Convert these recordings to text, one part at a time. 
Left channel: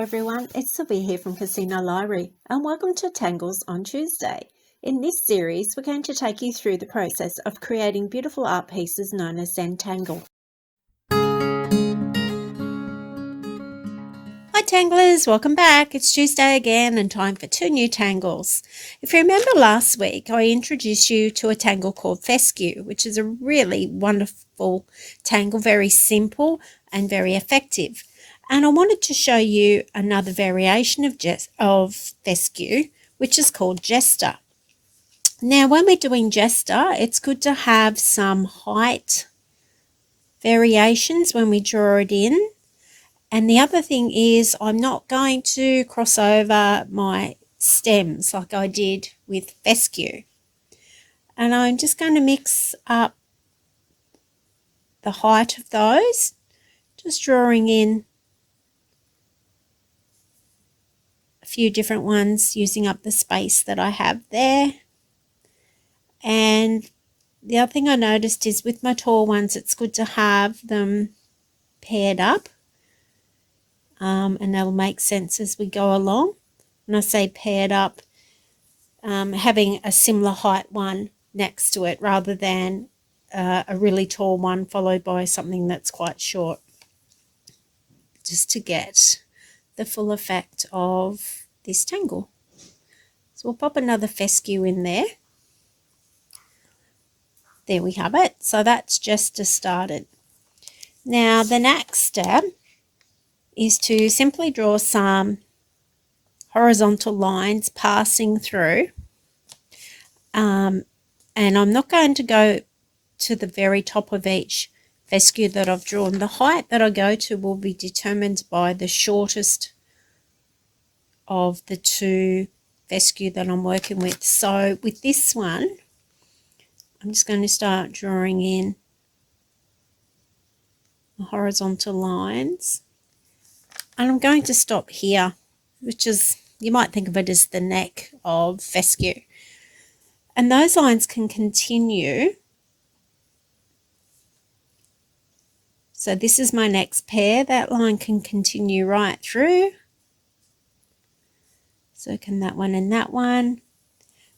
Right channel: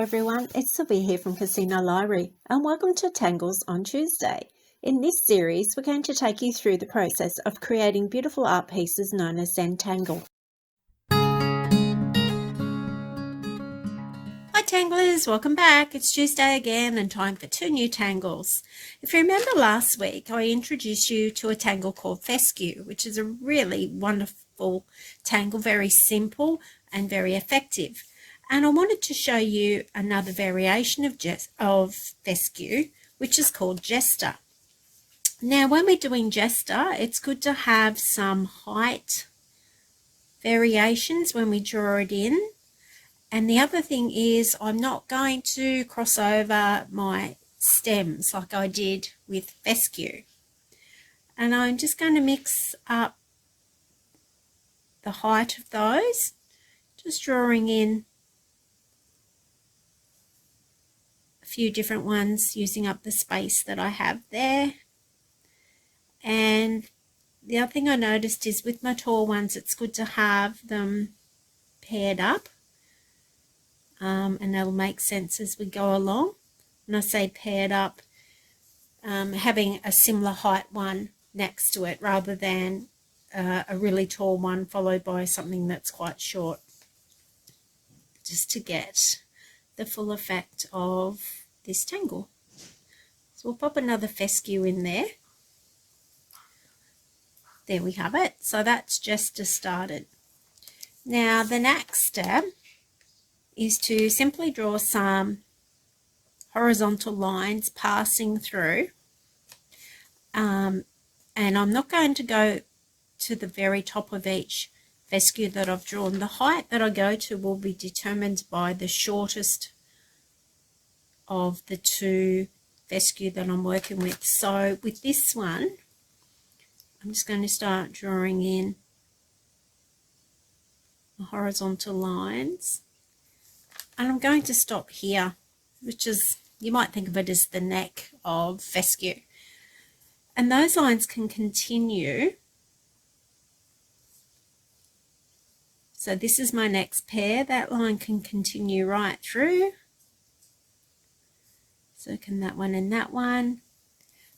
Hello everyone, it's Sylvia here from Casino Library and welcome to Tangles on Tuesday. In this series, we're going to take you through the process of creating beautiful art pieces known as Zentangle. Hi Tanglers, welcome back. It's Tuesday again and time for 2 new tangles. If you remember last week, I introduced you to a tangle called Fescue, which is a really wonderful tangle, very simple and very effective. And I wanted to show you another variation of fescue, which is called jester. Now, when we're doing jester, it's good to have some height variations when we draw it in. And the other thing is I'm not going to cross over my stems like I did with fescue. And I'm just going to mix up the height of those, just drawing in few different ones using up the space that I have there. And the other thing I noticed is with my tall ones, it's good to have them paired up, and that'll make sense as we go along. When I say paired up, having a similar height one next to it rather than a really tall one followed by something that's quite short, just to get the full effect of this tangle. So we'll pop another fescue in there. There we have it. So that's just started. Now the next step is to simply draw some horizontal lines passing through. And I'm not going to go to the very top of each fescue that I've drawn. The height that I go to will be determined by the shortest of the two fescue that I'm working with. So with this one, I'm just going to start drawing in the horizontal lines. And I'm going to stop here, which is, you might think of it as the neck of fescue. And those lines can continue. So this is my next pair. That line can continue right through. So can that one and that one.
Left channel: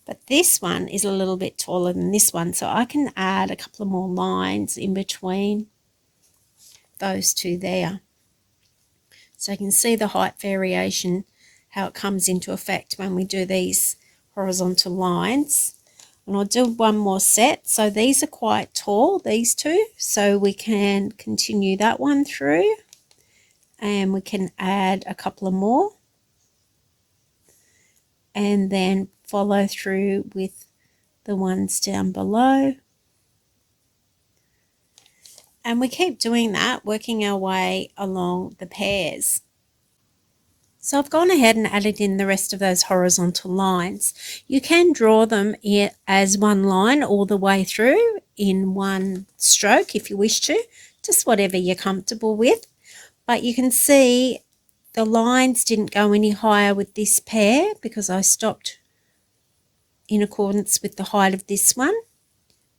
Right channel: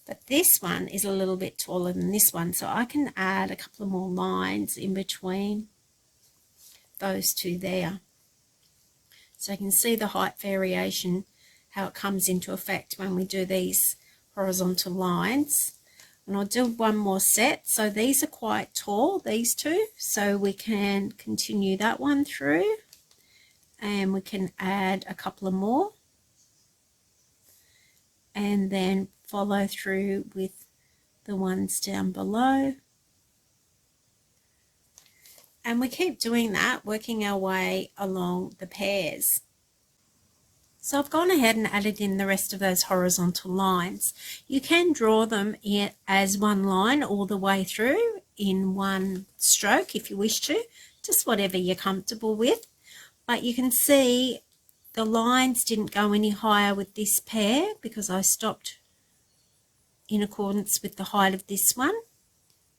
But this one is a little bit taller than this one, so I can add a couple of more lines in between those two there. So you can see the height variation, how it comes into effect when we do these horizontal lines. And I'll do one more set. So these are quite tall, these two, so we can continue that one through and we can add a couple of more. And then follow through with the ones down below. And we keep doing that, working our way along the pairs. So I've gone ahead and added in the rest of those horizontal lines. You can draw them as one line all the way through in one stroke if you wish to, just whatever you're comfortable with. But you can see the lines didn't go any higher with this pair because I stopped in accordance with the height of this one.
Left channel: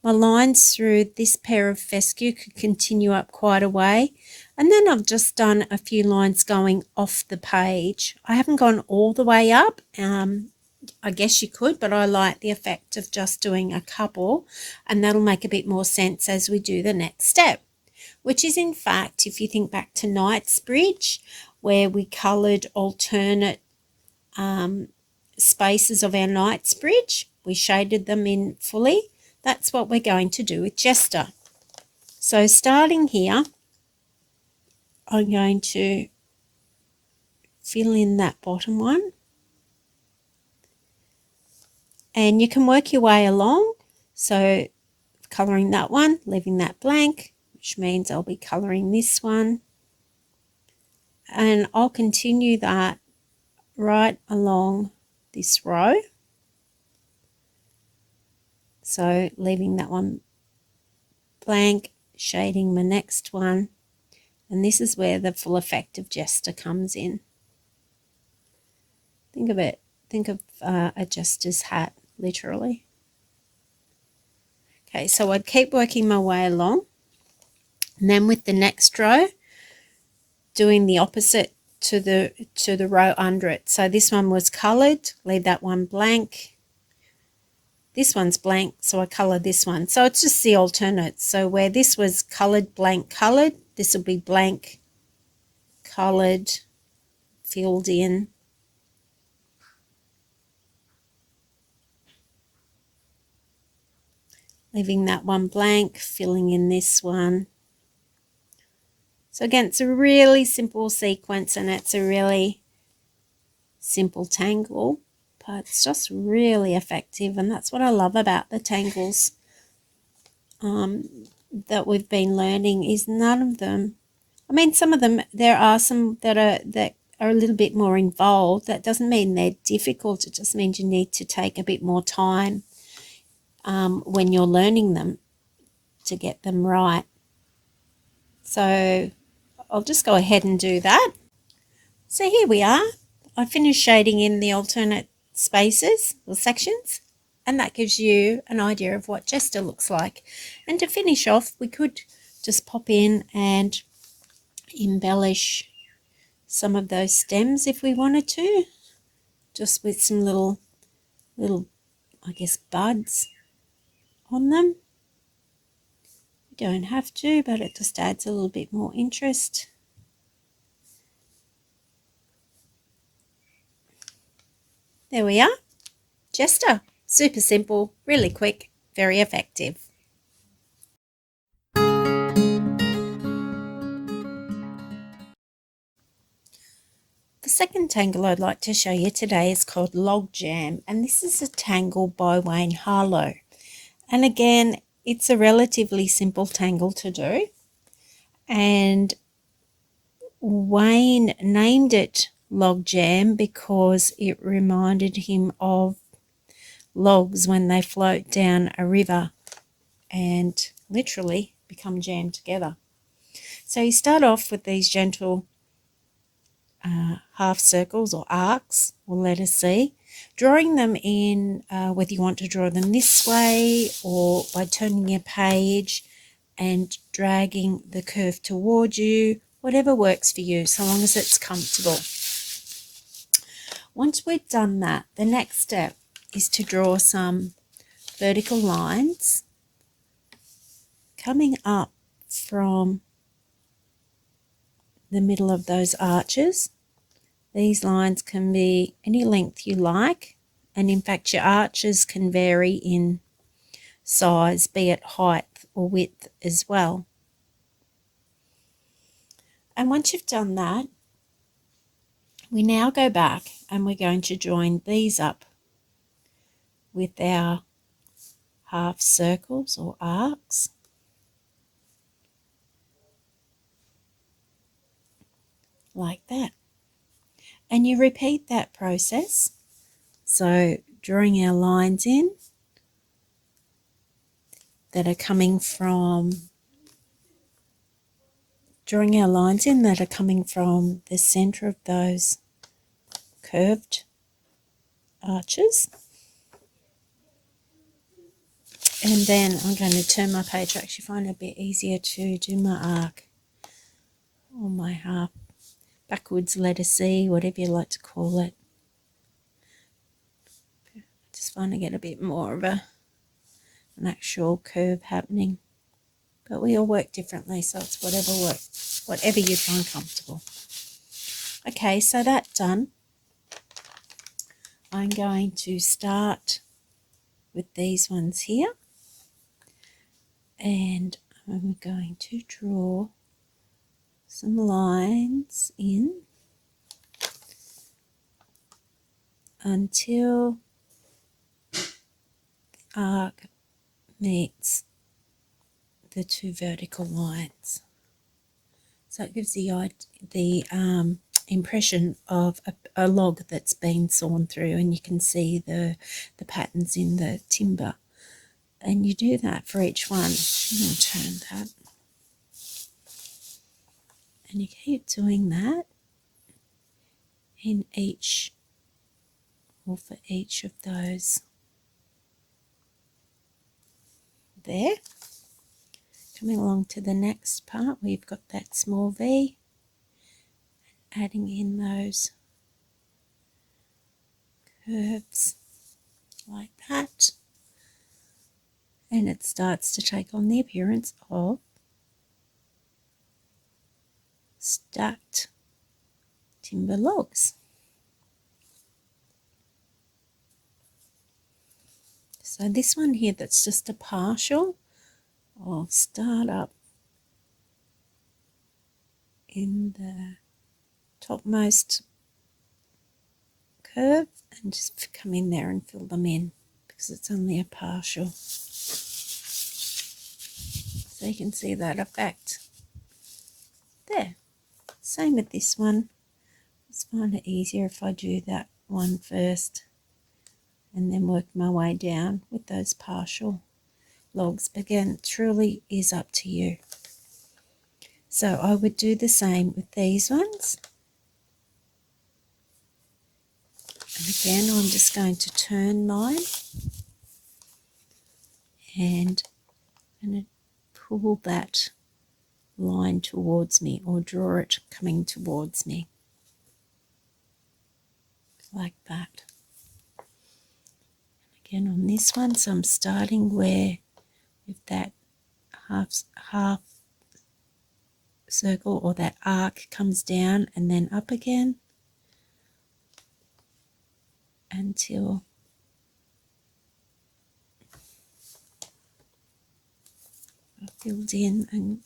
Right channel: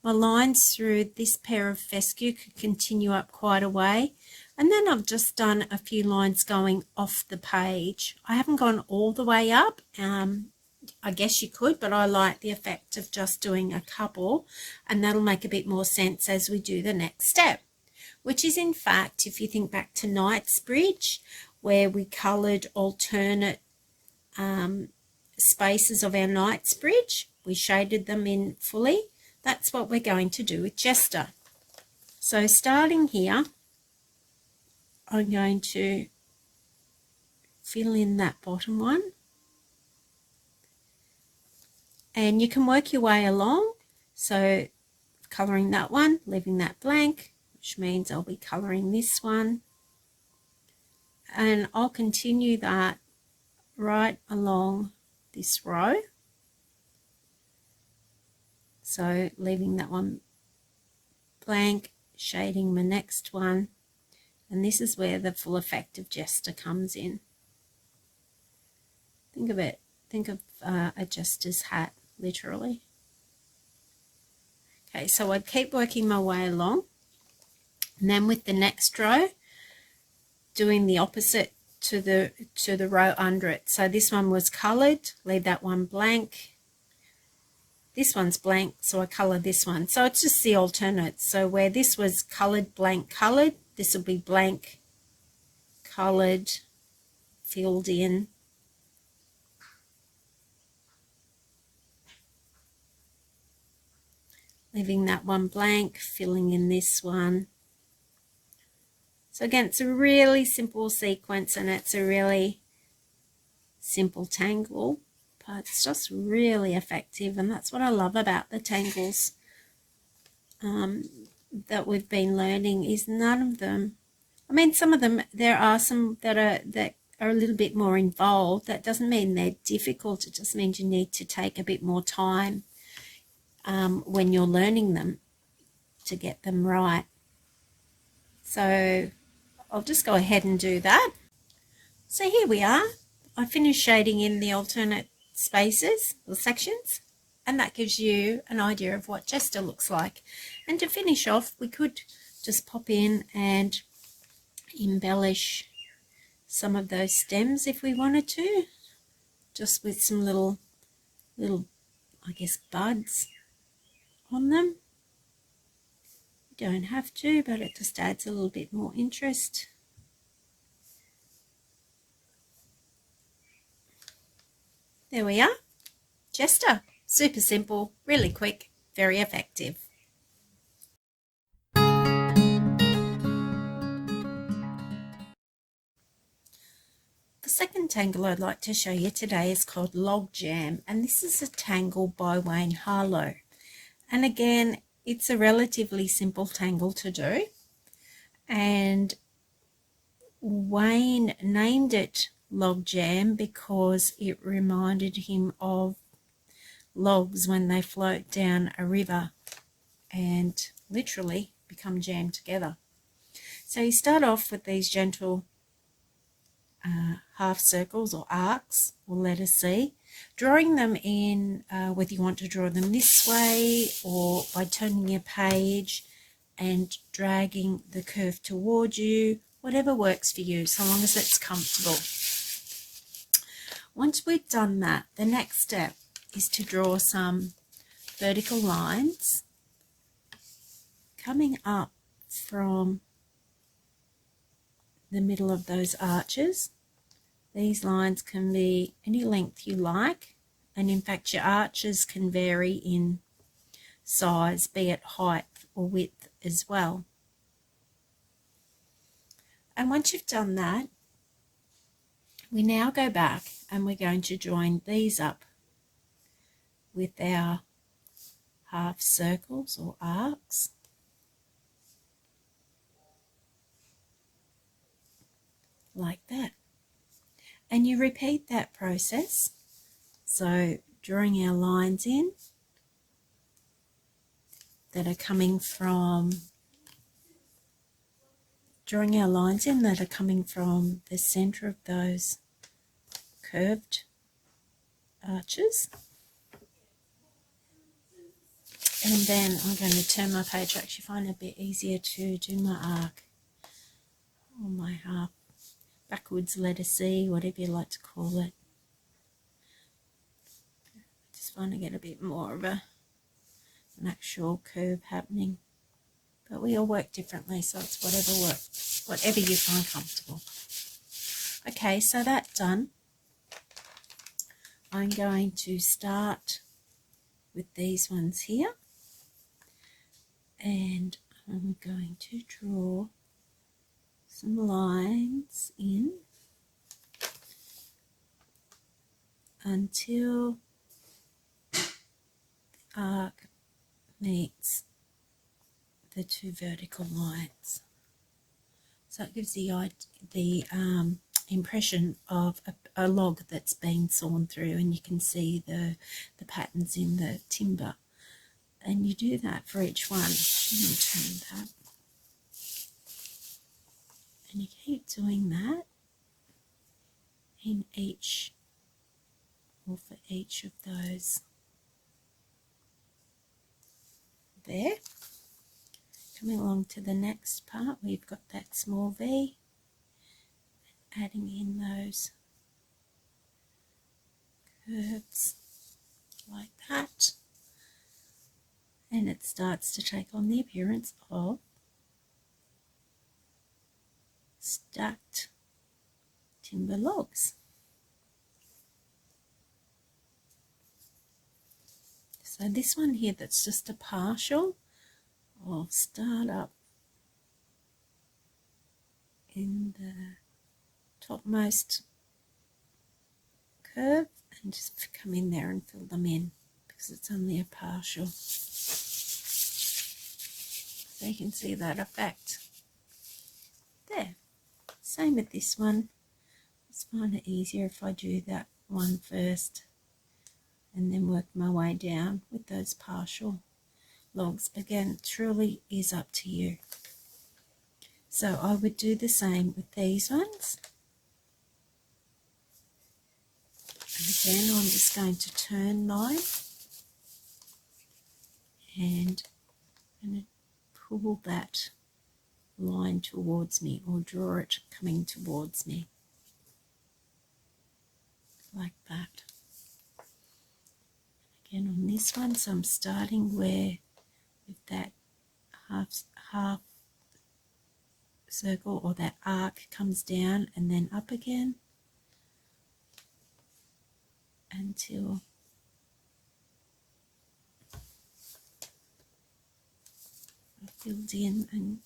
My lines through this pair of fescue could continue up quite a way. And then I've just done a few lines going off the page. I haven't gone all the way up. I guess you could, but I like the effect of just doing a couple. And that'll make a bit more sense as we do the next step, which is in fact, if you think back to Knightsbridge, where we coloured alternate spaces of our Knightsbridge, we shaded them in fully. That's what we're going to do with jester. So starting here, I'm going to fill in that bottom one. And you can work your way along. So colouring that one, leaving that blank, which means I'll be colouring this one. And I'll continue that right along this row. So leaving that one blank, shading my next one. And this is where the full effect of jester comes in. Think of it, think of a jester's hat, literally. Okay, so I'd keep working my way along. And then with the next row, doing the opposite to the row under it. So this one was coloured, leave that one blank. This one's blank, so I colour this one. So it's just the alternates. So where this was coloured, blank, coloured, this will be blank, coloured, filled in. Leaving that one blank, filling in this one. So again, it's a really simple sequence and it's a really simple tangle, but it's just really effective, and that's what I love about the tangles that we've been learning. Is none of them, I mean, some of them, there are some that are a little bit more involved. That doesn't mean they're difficult, it just means you need to take a bit more time when you're learning them to get them right. So I'll just go ahead and do that. So here we are. I finished shading in the alternate spaces or sections, and that gives you an idea of what Jester looks like. And to finish off, we could just pop in and embellish some of those stems if we wanted to, just with some little I guess buds on them. You don't have to, but it just adds a little bit more interest. There we are. Jester. Super simple, really quick, very effective. The second tangle I'd like to show you today is called Log Jam, and this is a tangle by Wayne Harlow. And again, it's a relatively simple tangle to do, and Wayne named it Log Jam because it reminded him of logs when they float down a river and literally become jammed together. So you start off with these gentle half circles or arcs or letter C, drawing them in whether you want to draw them this way or by turning your page and dragging the curve toward you, whatever works for you, so long as it's comfortable. Once we've done that, the next step is to draw some vertical lines coming up from the middle of those arches. These lines can be any length you like, and in fact your arches can vary in size, be it height or width as well. And once you've done that, we now go back and we're going to join these up with our half circles or arcs, like that. And you repeat that process. So drawing our lines in that are coming from the center of those curved arches. And then I'm going to turn my page. I actually find it a bit easier to do my arc or my half backwards letter C, whatever you like to call it. I just find I get a bit more of an actual curve happening. But we all work differently, so it's whatever you find comfortable. Okay, so that's done. I'm going to start with these ones here, and I'm going to draw some lines in until the arc meets the two vertical lines. So it gives the impression of a log that's been sawn through, and you can see the patterns in the timber. And you do that for each one. I'm going to turn that. And you keep doing that in each, or for each of those there. Coming along to the next part, we've got that small V, adding in those curves like that, and it starts to take on the appearance of stacked timber logs. So this one here that's just a partial, I'll start up in the topmost curve and just come in there and fill them in because it's only a partial. So you can see that effect there. Same with this one. Just find it easier if I do that one first and then work my way down with those partial logs. But again, it truly is up to you. So I would do the same with these ones. And again, I'm just going to turn mine and I'm going to pull that line towards me or draw it coming towards me like that. Again on this one, so I'm starting where with that half circle or that arc comes down and then up again until I filled in. And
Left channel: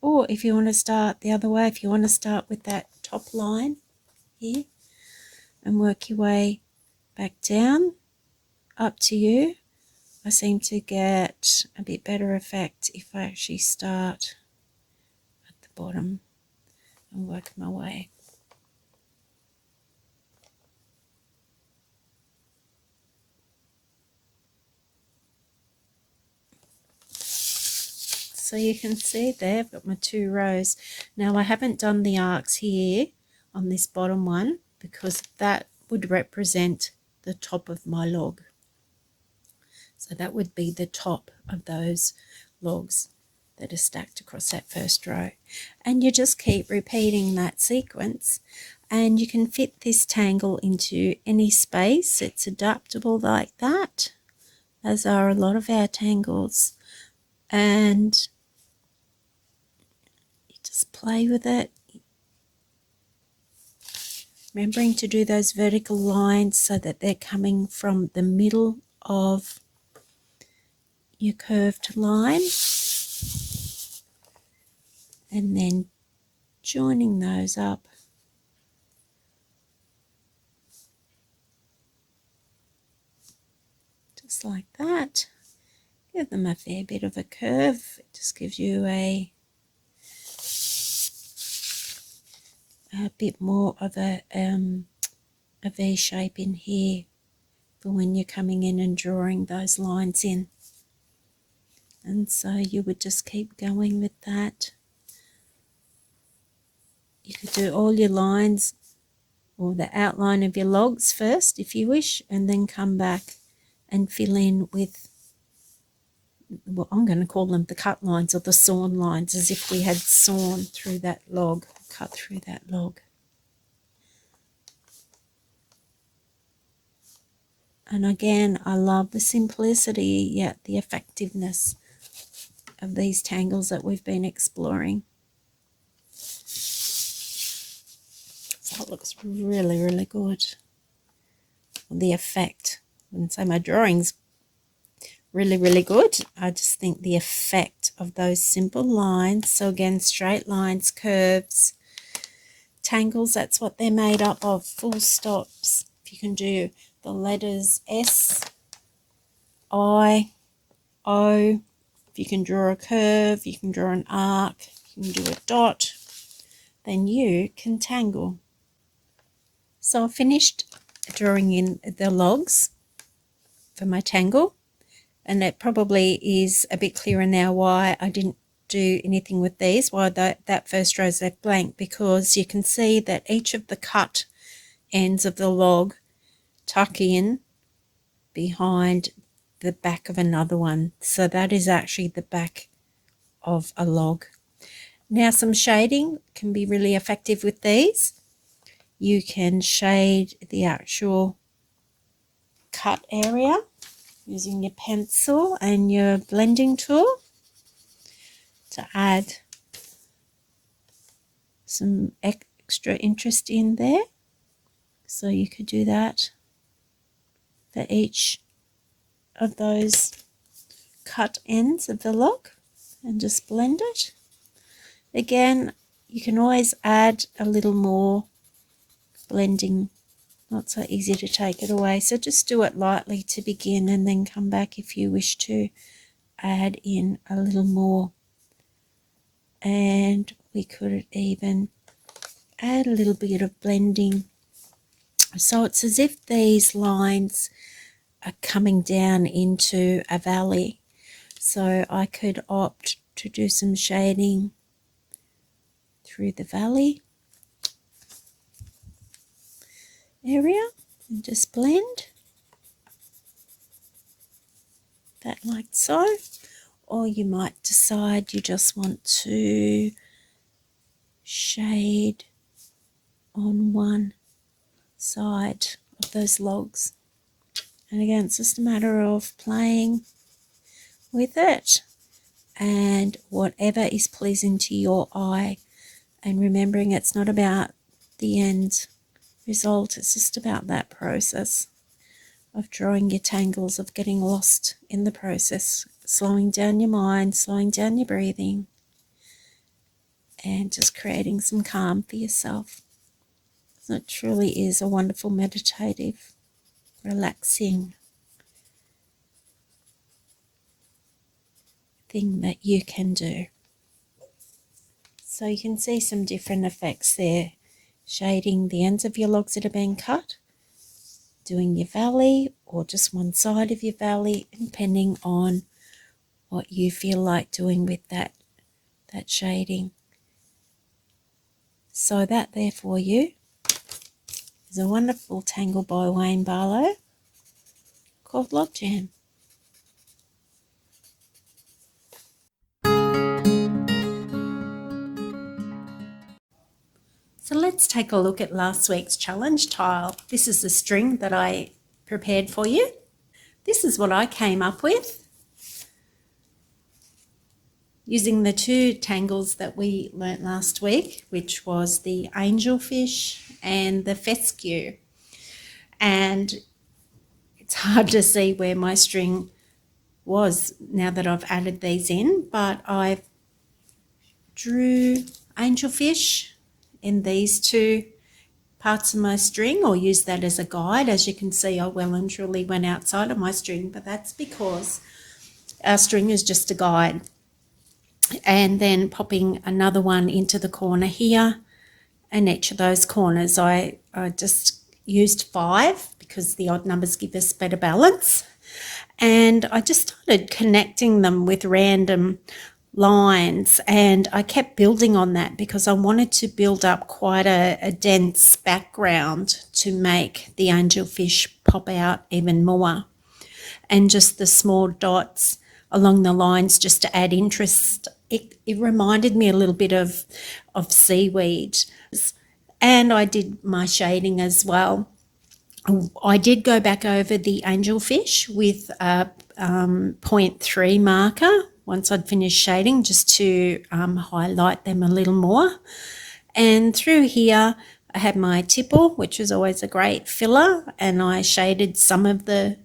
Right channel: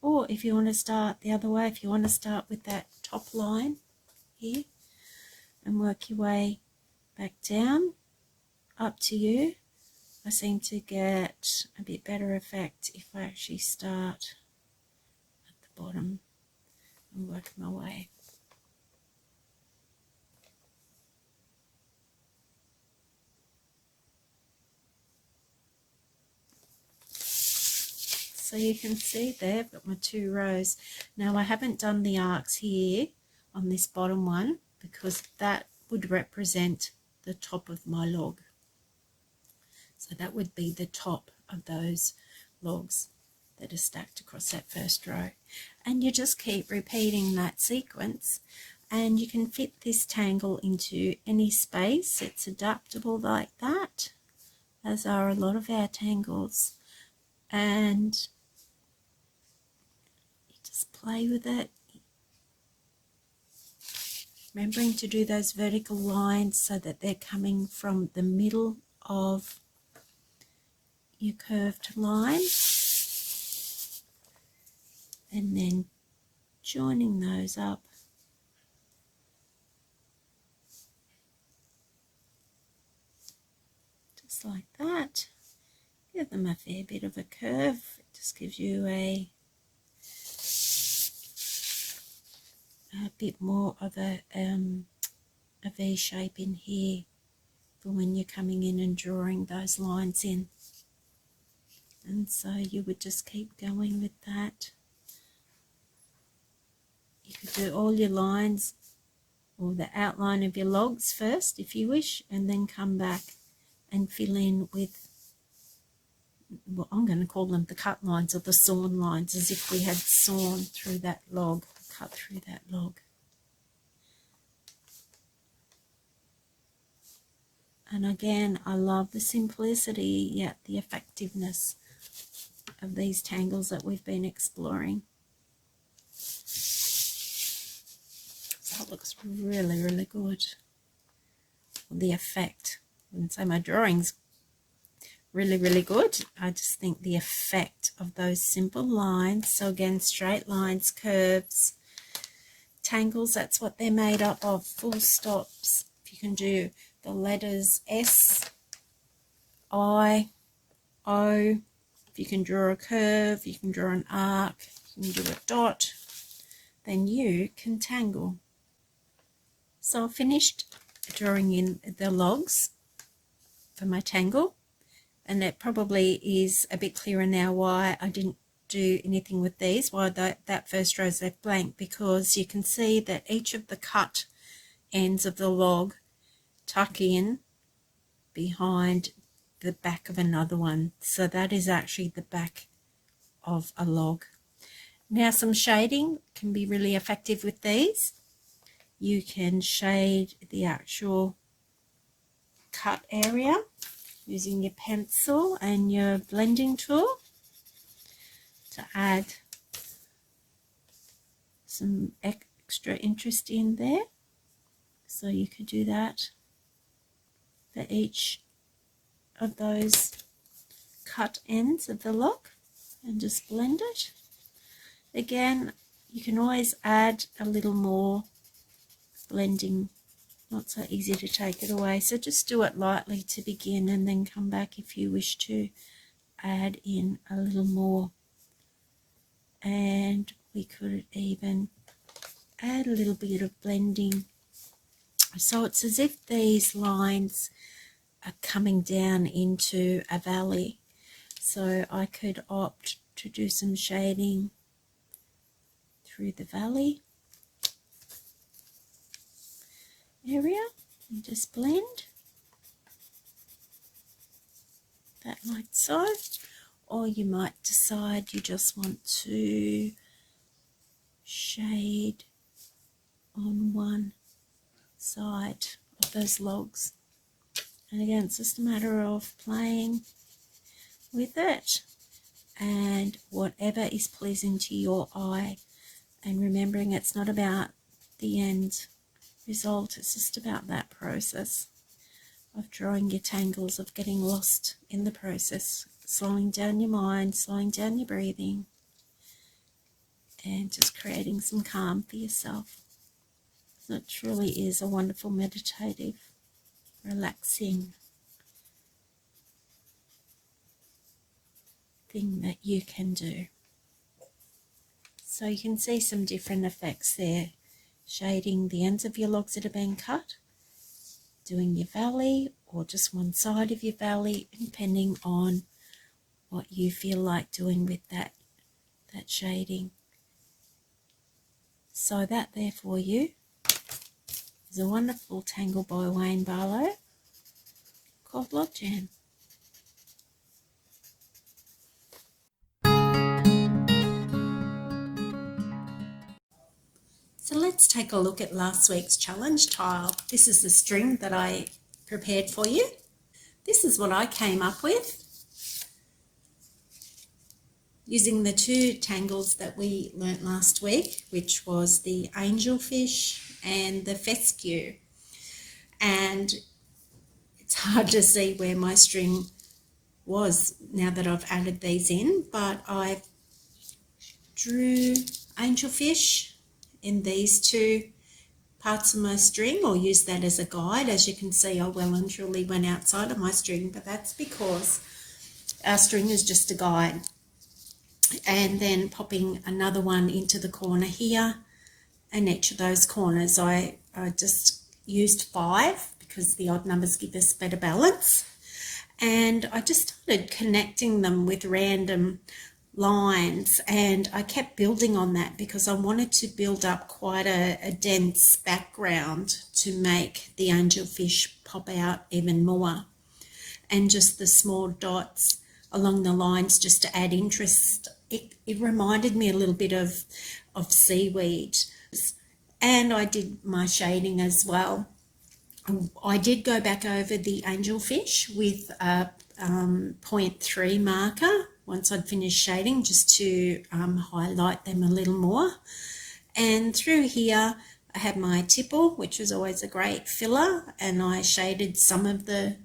or if you want to start the other way, if you want to start with that top line here and work your way back down, up to you. I seem to get a bit better effect if I actually start at the bottom and work my way. So you can see there I've got my 2 rows. Now I haven't done the arcs here on this bottom one because that would represent the top of my log. So that would be the top of those logs that are stacked across that first row. And you just keep repeating that sequence and you can fit this tangle into any space. It's adaptable like that, as are a lot of our tangles. And you just play with it. Remembering to do those vertical lines so that they're coming from the middle of your curved line and then joining those up just like that. Give them a fair bit of a curve. It just gives you a bit more of a V shape in here for when you're coming in and drawing those lines in. And so you would just keep going with that. You could do all your lines or the outline of your logs first if you wish, and then come back and fill in with, well, I'm going to call them the cut lines or the sawn lines, as if we had sawn through that log, cut through that log. And again, I love the simplicity yet the effectiveness of these tangles that we've been exploring. So it looks really, really good. The effect, I wouldn't say my drawing's really, really good. I just think the effect of those simple lines, so again, straight lines, curves, tangles, that's what they're made up of, full stops. If you can do the letters S, I, O, if you can draw a curve, you can draw an arc, you can do a dot, then you can tangle. So I finished drawing in the logs for my tangle, and that probably is a bit clearer now why I didn't do anything with these, why that first row is left blank, because you can see that each of the cut ends of the log tuck in behind the back of another one. So that is actually the back of a log. Now some shading can be really effective with these. you can shade the actual cut area using your pencil and your blending tool to add some extra interest in there. So you could do that for each of those cut ends of the log and just blend it. Again, you can always add a little more blending, not so easy to take it away, so just do it lightly to begin and then come back if you wish to add in a little more. And we could even add a little bit of blending, so it's as if these lines are coming down into a valley. So I could opt to do some shading through the valley area and just blend that like so. Or you might decide you just want to shade on one side of those logs. And again, it's just a matter of playing with it and whatever is pleasing to your eye, and remembering it's not about the end result, it's just about that process of drawing your tangles, of getting lost in the process, slowing down your mind, slowing down your breathing, and just creating some calm for yourself. So it truly is a wonderful meditative, relaxing thing that you can do. So you can see some different effects there, shading the ends of your logs that are being cut, doing your valley or just one side of your valley, depending on what you feel like doing with that shading. So that there for you is a wonderful tangle by Wayne Barlow called Log Jam. So let's take a look at last week's challenge tile. This is the string that I prepared for you. This is what I came up with using the two tangles that we learnt last week, which was the angelfish and the fescue. And it's hard to see where my string was now that I've added these in, but I drew angelfish in these two parts of my string, or used that as a guide. As you can see, I well and truly went outside of my string, but that's because our string is just a guide. And then popping another one into the corner here, and each of those corners I just used 5 because the odd numbers give us better balance. And I just started connecting them with random lines, and I kept building on that because I wanted to build up quite a dense background to make the angelfish pop out even more, and just the small dots along the lines just to add interest. It reminded me a little bit of seaweed. And I did my shading as well. I did go back over the angelfish with a 0.3 marker once I'd finished shading, just to highlight them a little more. And through here I had my tipple, which is always a great filler, and I shaded some of the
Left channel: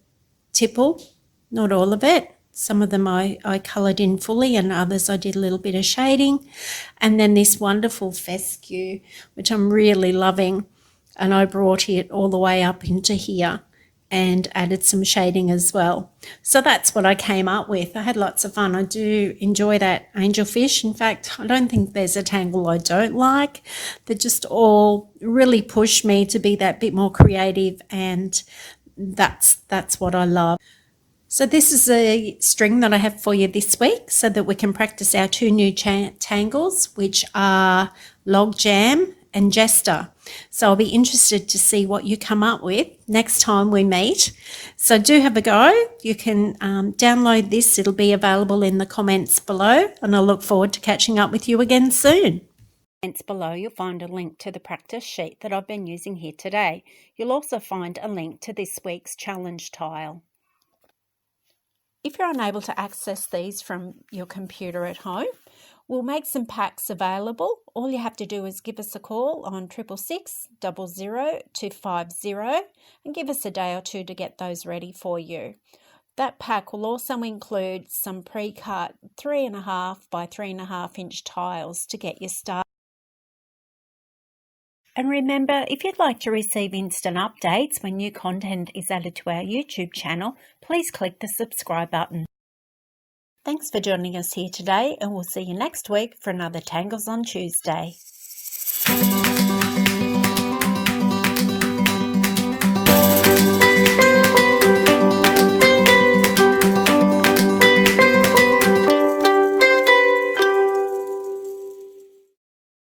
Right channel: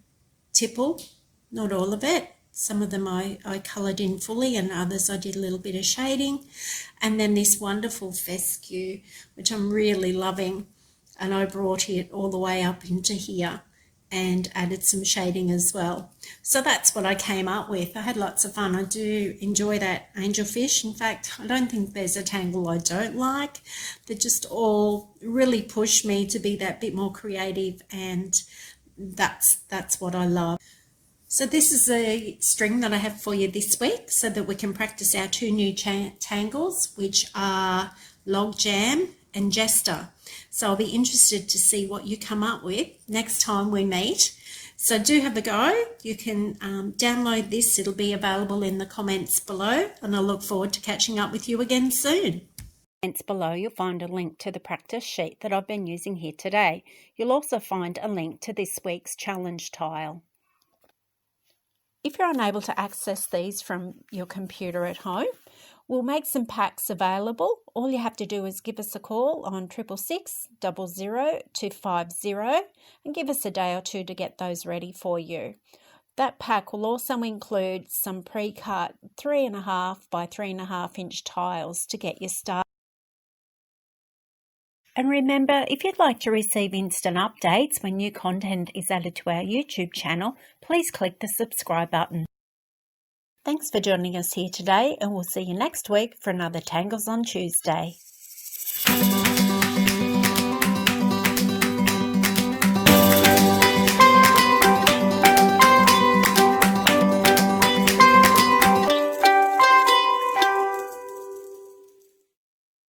tipple, not all of it. Some of them I coloured in fully, and others I did a little bit of shading. And then this wonderful fescue, which I'm really loving, and I brought it all the way up into here and added some shading as well. So that's what I came up with. I had lots of fun. I do enjoy that angelfish. In fact, I don't think there's a tangle I don't like. They just all really push me to be that bit more creative, and that's what I love. So this is a string that I have for you this week so that we can practice our two new tangles, which are Log Jam and Jester. So I'll be interested to see what you come up with next time we meet. So do have a go. You can download this. It'll be available in the comments below, and I look forward to catching up with you again soon. Below you'll find a link to the practice sheet that I've been using here today. You'll also find a link to this week's challenge tile. If you're unable to access these from your computer at home, we'll make some packs available. All you have to do is give us a call on 666 00 250 and give us a day or two to get those ready for you. That pack will also include some pre-cut 3.5 by 3.5 inch tiles to get you started. And remember, if you'd like to receive instant updates when new content is added to our YouTube channel, please click the subscribe button. Thanks for joining us here today, and we'll see you next week for another Tangles on Tuesday.